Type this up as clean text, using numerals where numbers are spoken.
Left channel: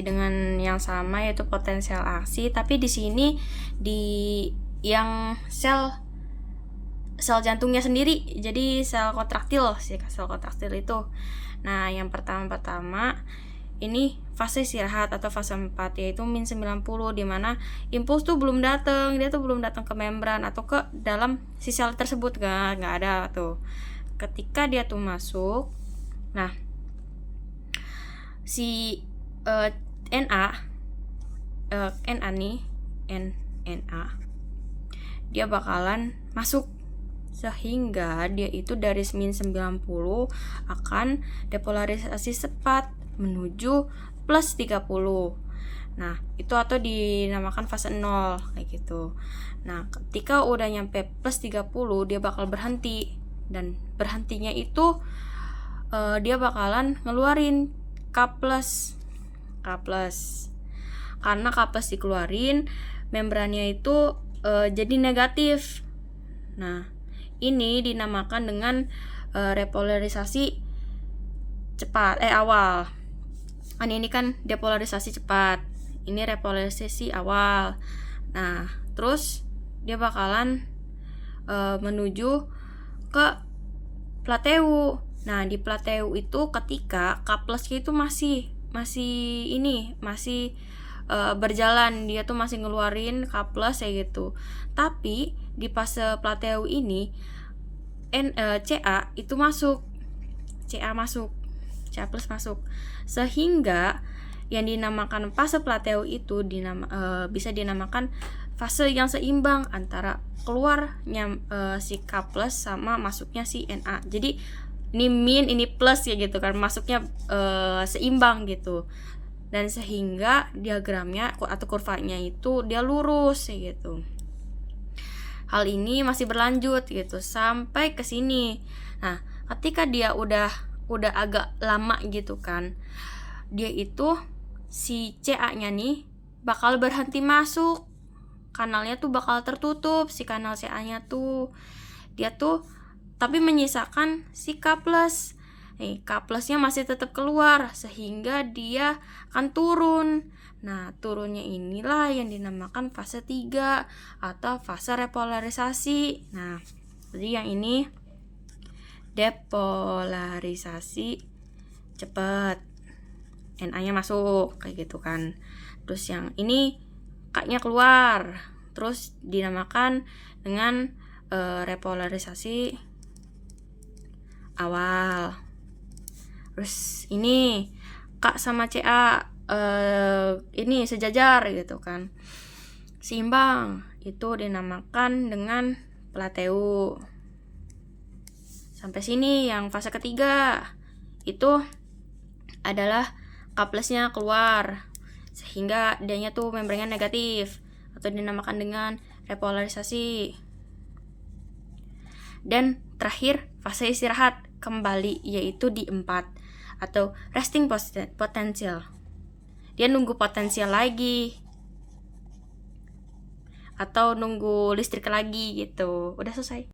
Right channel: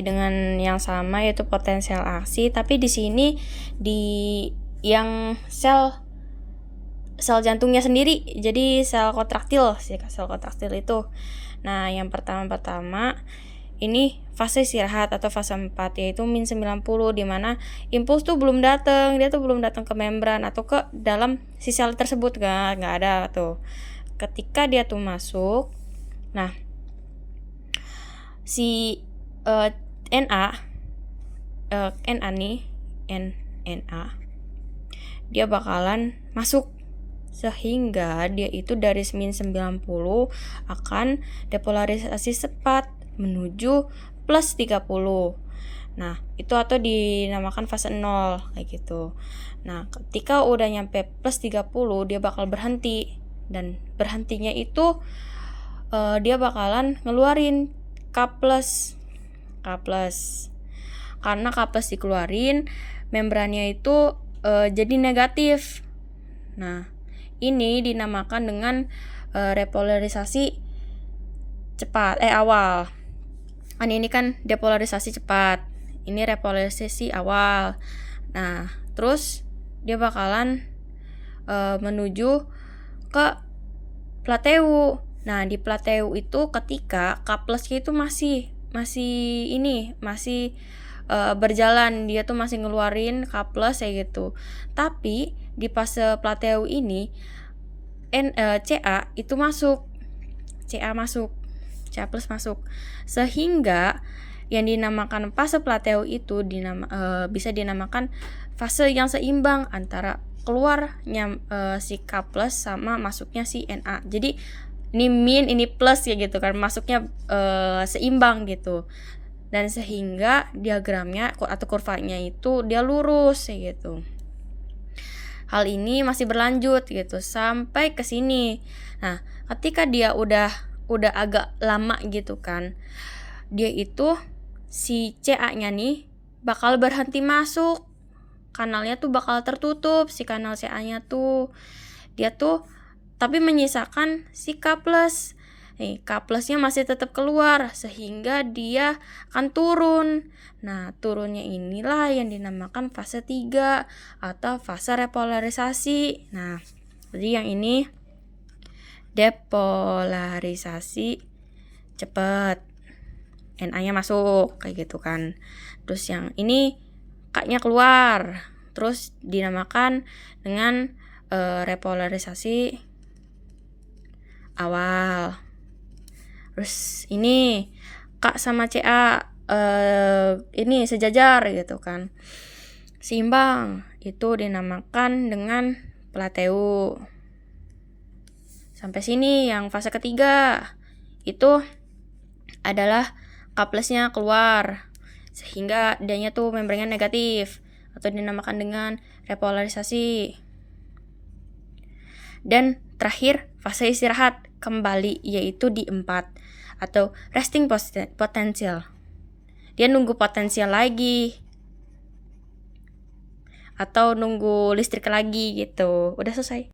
dengan yang sama yaitu potensial aksi, tapi di sini di yang sel jantungnya sendiri, jadi sel kontraktil itu. Nah, yang pertama ini fase istirahat atau fase 4 yaitu min 90, di mana impuls tuh belum datang, dia tuh belum datang ke membran atau ke dalam si sel tersebut, nggak ada tuh. Ketika dia tuh masuk, nah si NA dia bakalan masuk, sehingga dia itu dari min 90 akan depolarisasi cepat menuju plus 30. Nah, itu atau dinamakan fase 0 kayak gitu. Nah, ketika udah nyampe plus 30 dia bakal berhenti, dan berhentinya itu dia bakalan ngeluarin K+. Karena K+ dikeluarin, membrannya itu jadi negatif. Nah, ini dinamakan dengan repolarisasi cepat awal. Ini kan depolarisasi cepat, ini repolarisasi awal. Nah, terus dia bakalan menuju ke plateu. Nah, di plateu itu ketika K+ itu masih berjalan, dia tuh masih ngeluarin K+ kayak gitu. Tapi di fase plateu ini CA itu masuk. CA plus masuk. Sehingga yang dinamakan fase plateu itu bisa dinamakan fase yang seimbang antara keluarnya si K+ sama masuknya si NA. Jadi ini min, ini plus ya gitu kan, masuknya seimbang gitu. Dan sehingga diagramnya atau kurvanya itu dia lurus ya gitu. Hal ini masih berlanjut gitu sampai ke sini. Nah, ketika dia udah agak lama gitu kan, dia itu si CA-nya nih bakal berhenti masuk. Kanalnya tuh bakal tertutup, si kanal CA-nya tuh. Dia tuh tapi menyisakan si K+. K+-nya masih tetap keluar sehingga dia akan turun. Nah, turunnya inilah yang dinamakan fase 3 atau fase repolarisasi. Nah, jadi yang ini depolarisasi cepat. NA-nya masuk kayak gitu kan. Terus yang ini K-nya keluar. Terus dinamakan dengan repolarisasi awal. Terus ini K sama CA ini sejajar gitu kan, seimbang, itu dinamakan dengan plateu. Sampai sini yang fase ketiga itu adalah K+-nya keluar sehingga D-nya tuh membrannya negatif atau dinamakan dengan repolarisasi. Dan terakhir fase istirahat kembali yaitu di 4 atau resting potential. Dia nunggu potensial lagi atau nunggu listrik lagi gitu. Udah selesai.